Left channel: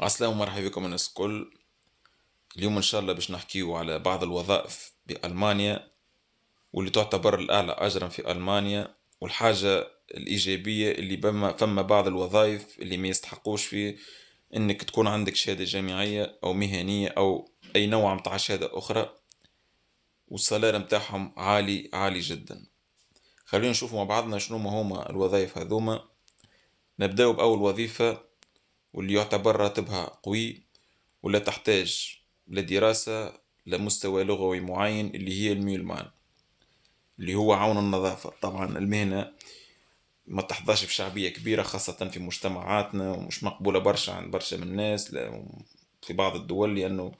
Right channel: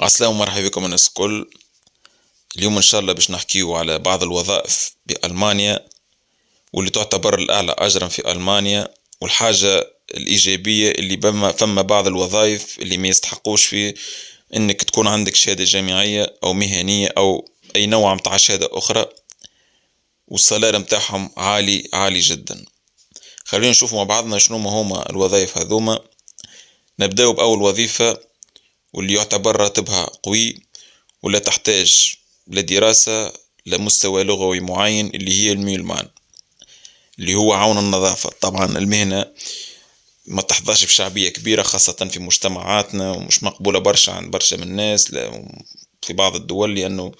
عسلامة ومرحبا بكم الناس الكل. اليوم إن شاء الله باش نحكيو على بعض الوظائف بألمانيا واللي تعتبر الأعلى أجرا في ألمانيا، والحاجة الإيجابية اللي فما بعض الوظائف اللي ما يستحقوش في إنك تكون عندك شهادة جامعية أو مهنية أو أي نوع متاع شهادة أخرى، والسالار متاعهم عالي عالي جدا. خلينا نشوف مع بعضنا شنو ما هما الوظائف هذوما. نبدأ بأول وظيفة واللي يعتبر راتبها قوي ولا تحتاج لدراسة لمستوى لغوي معين، اللي هي الميولمان، اللي هو عون النظافة. طبعا المهنة ما تحظاش بشعبية كبيرة خاصة في مجتمعاتنا، ومش مقبولة برشا عند برشا من الناس في بعض الدول، لأنه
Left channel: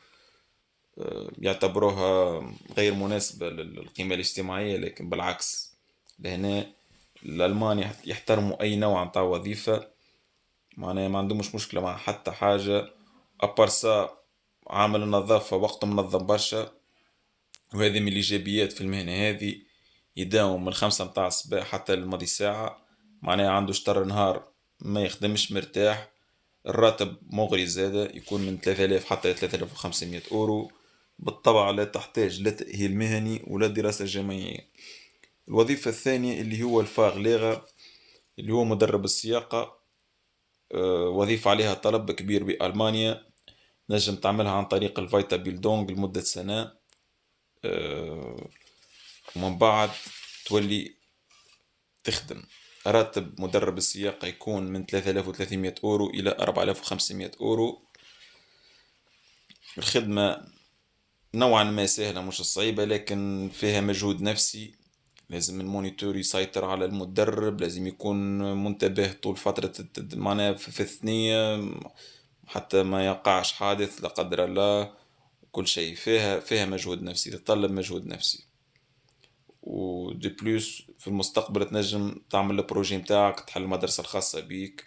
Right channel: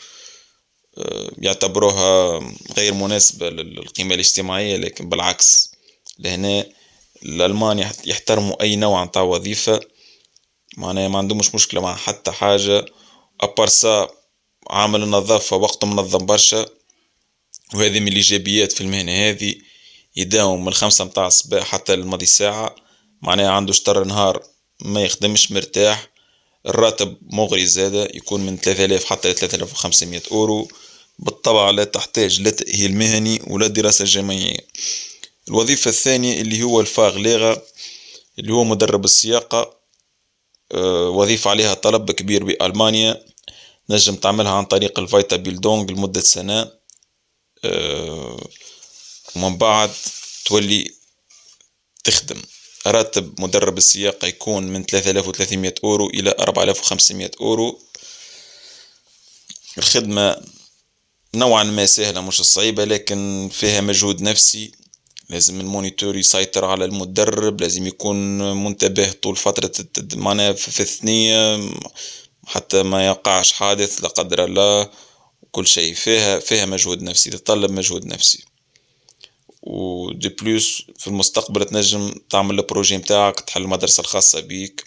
يعتبروها غير مناسبة للقيمة الاجتماعية. لكن بالعكس، لهنا الألمان يحترموا أي نوع متاع وظيفة، معناها ما عندهمش مشكلة مع حتى حاجة. أبارسا عامل النظافة وقته منظم برشا، وهذه من الإيجابيات في المهنة هذه. يداوم من 5 متاع الصباح حتى الماضي ساعة، معناها عنده شطر نهار ما يخدمش مرتاح. الراتب مغري زادة، يكون من 3000 حتى 3500 أورو. بالطبع لا تحتاج لا تأهيل مهني ولا دراسة جامعية. الوظيفة الثانية اللي هو الفاغليغا، اللي هو مدرب السياقة. وظيفة عليها طلب كبير بألمانيا، نجم تعملها عن طريق الفايتا بيلدونج لمدة سنة. ومن بعد تولي تخدم. راتب مدرب السياقة يكون من 3300 أورو إلى 4500 أورو. الخدمة نوعا ما سهلة مش صعيبة، لكن فيها مجهود نفسي. لازم المونيتور يسيطر على المدرب، لازم يكون منتبه طول فترة معناها في الثنية حتى ما يقعش حادث لا قدر الله. كل شيء فيها مجهود نفسي، تتطلب مجهود نفسي. ودي بلوس في المستقبل تنجم تعمل البروجي متاعك، تحل المدرسة الخاصة بيك،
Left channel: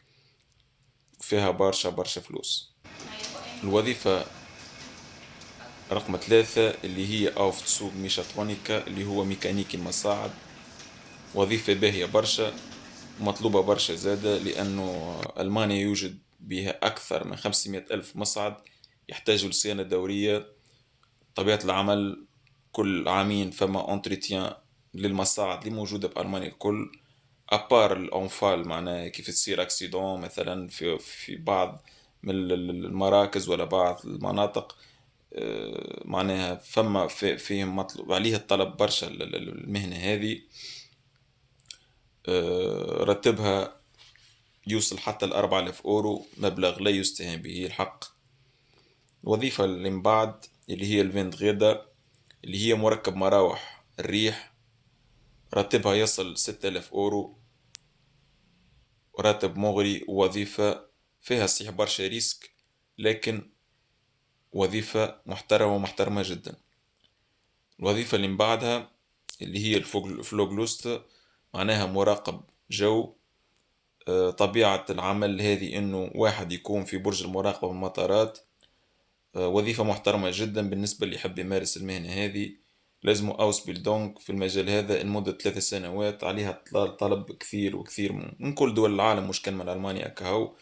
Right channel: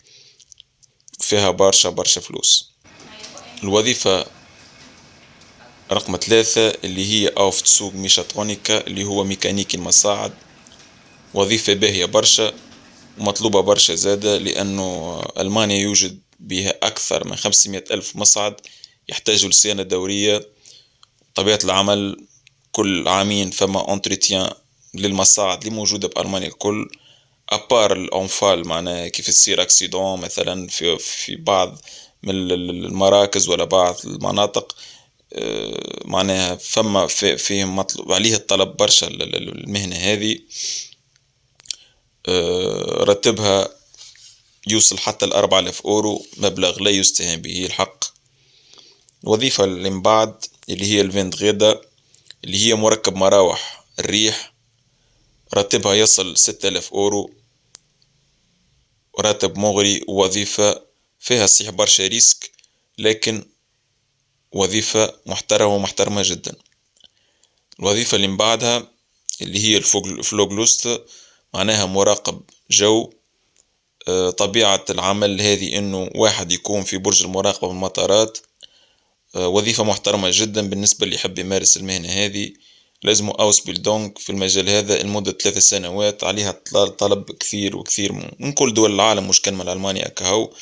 فيها برشا فلوس. الوظيفة رقم 3 اللي هي أوف تسوق ميشاترونيكا، اللي هو ميكانيكي المصاعد. وظيفة باهية برشا ومطلوبة برشا زادة، لأنه ألمانيا يوجد بها أكثر من 500 ألف مصعد يحتاجوا لصيانة دورية. طبيعة العمل كل عامين فما انتريتيان للمصاعد اللي موجودة بألمانيا الكل، أبار الأنفال معناها كيف تصير أكسيدون مثلا في بعض من المراكز ولا بعض المناطق. معناها فما فيهم مطلوب عليه الطلب برشا المهنة هذه. راتبها يوصل حتى 4000 أورو، مبلغ لا يستهان به الحق. الوظيفة اللي من بعد اللي هي الفيند غيدا، اللي هي مركب مراوح الريح. راتبها يصل 6000 أورو، راتب مغري. ووظيفة فيها صحيح برشا ريسك، لكن وظيفة محترمة جدا. الوظيفة اللي من بعدها اللي هي الفلوغلوست، معناها مراقب جو. طبيعة العمل هذه انه واحد يكون في برج المراقبة بالمطارات. وظيفة محترمة جدا بالنسبة اللي يحب يمارس المهنة هذه. لازم أوس بيلدونج في المجال هذا لمدة 3 سنوات، عليها طلب كثير وكثير من كل دول العالم، مش كان من ألمانيا كهو.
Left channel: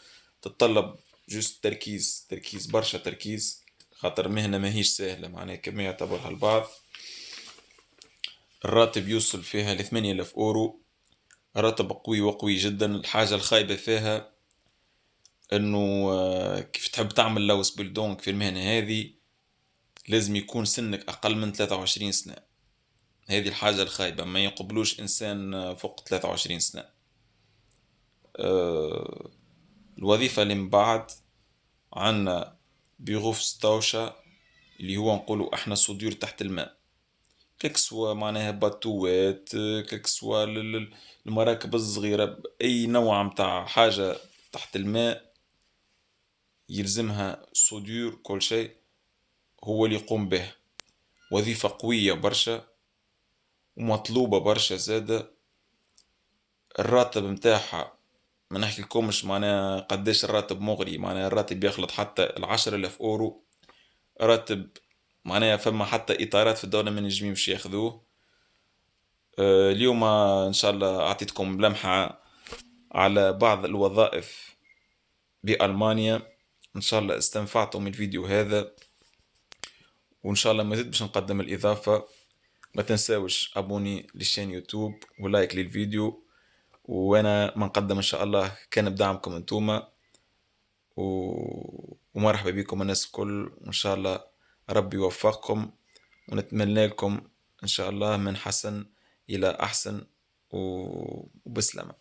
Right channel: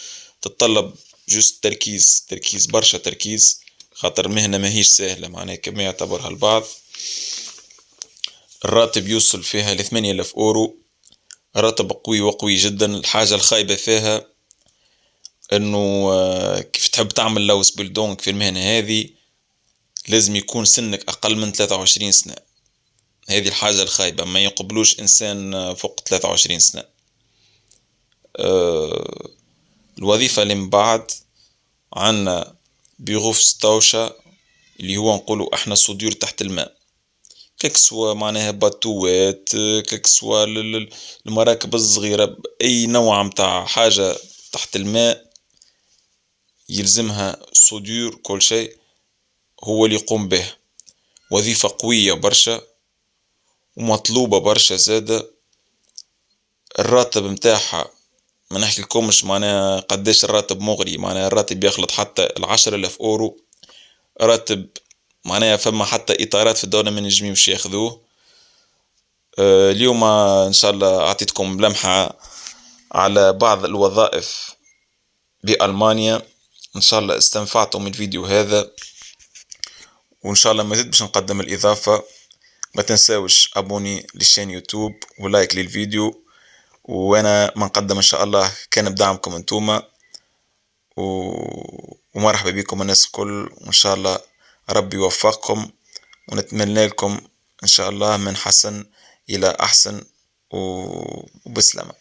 تتطلب جست تركيز برشا تركيز، خاطر المهنة ماهيش سهلة معناها كما يعتبرها البعض. الراتب يوصل فيها ل8000 أورو، راتب قوي وقوي جدا. الحاجة الخايبة فيها انه كيف تحب تعمل لوس بيلدونج في المهنة هذه لازم يكون سنك أقل من 23 سنة. هذه الحاجة الخايبة، ما يقبلوش إنسان فوق 23 سنة. الوظيفة اللي من بعد عنا بيغوف ستوشا، اللي هو نقولوا احنا صدور تحت الماء. كسوا معناها باتوات، كسوا المراكب الصغيرة، أي نوع متاع حاجة تحت الماء يلزمها صدور كل شيء هو اللي يقوم به. وظيفة قوية برشا ومطلوبة برشا زادة. الراتب متاعها ما نحكي لكمش معناها قداش الراتب مغري، معناها الراتب يخلط حتى 10,000 أورو. راتب معناها فما حتى إطارات في الدولة من نجمي مش ياخذوه. اليوم إن شاء الله أعطيتكم لمحة على بعض الوظائف بألمانيا. إن شاء الله استنفعتم من الفيديو هذا، وإن شاء الله مازيد باش نقدم الإضافة. ما تنساوش أبوني للشين يوتيوب ولايك للفيديو، وأنا ما نقدم إن شاء الله كان بدعمكم انتوما، ومرحبا بكم الناس الكل، وإن شاء الله ربي يوفقكم، ونتمنى لكم إن شاء الله من حسن إلى أحسن، وبسلامة.